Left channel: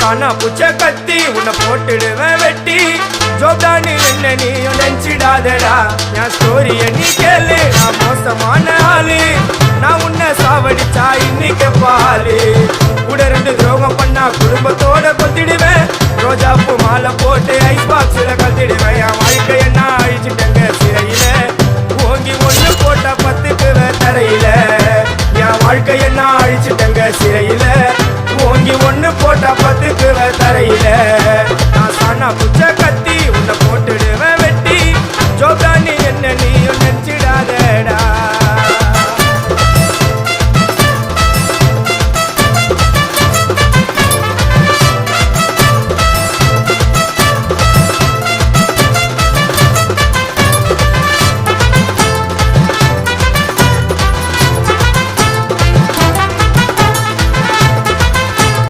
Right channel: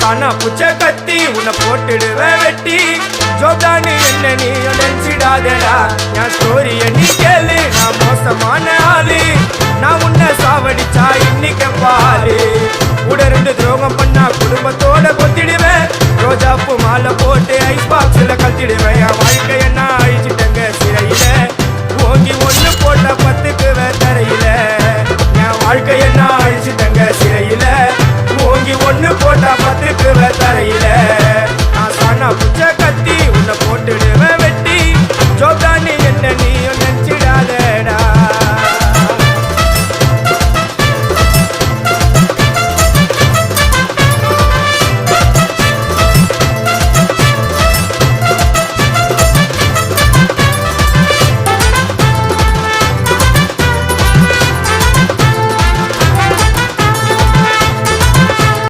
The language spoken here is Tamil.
காணா புச்ச கத்தி உன்னை போட்டுடுவேன் வெட்டி ஜோப்டானு என்ன நீ நினைச்சிடாதடா என் ஸ்டோரிய நீ கேளு நான் மோசமான ஆளு நான் உன்னை சாவடிச்சா இன்னைக்கு பாலு கூட ரெண்டு துரோகம் பண்ணா குடும்பத்தோட கொத்திடுவேன் ரோஜாப்பு மாலை போட்டு ஐஸ் பாக்ஸ்ல கழட்டிடுவேன் என் வாழ்க்கை என்ன அழிச்சிட்டங்க சிறையில ஓங்கி ஒண்ணு போட்ட பத்துக்குவேன் தரையில என் வாழ்க்கை என்ன அழிச்சிட்டங்க சிறையில ஓங்கி ஒண்ணு போட்டா பத்துக்குவேன் தரையில நான் சாணா புச்ச கத்தி உன்னை போட்டுடுவேன் வெட்டி ஜோப்டானி என்ன நீ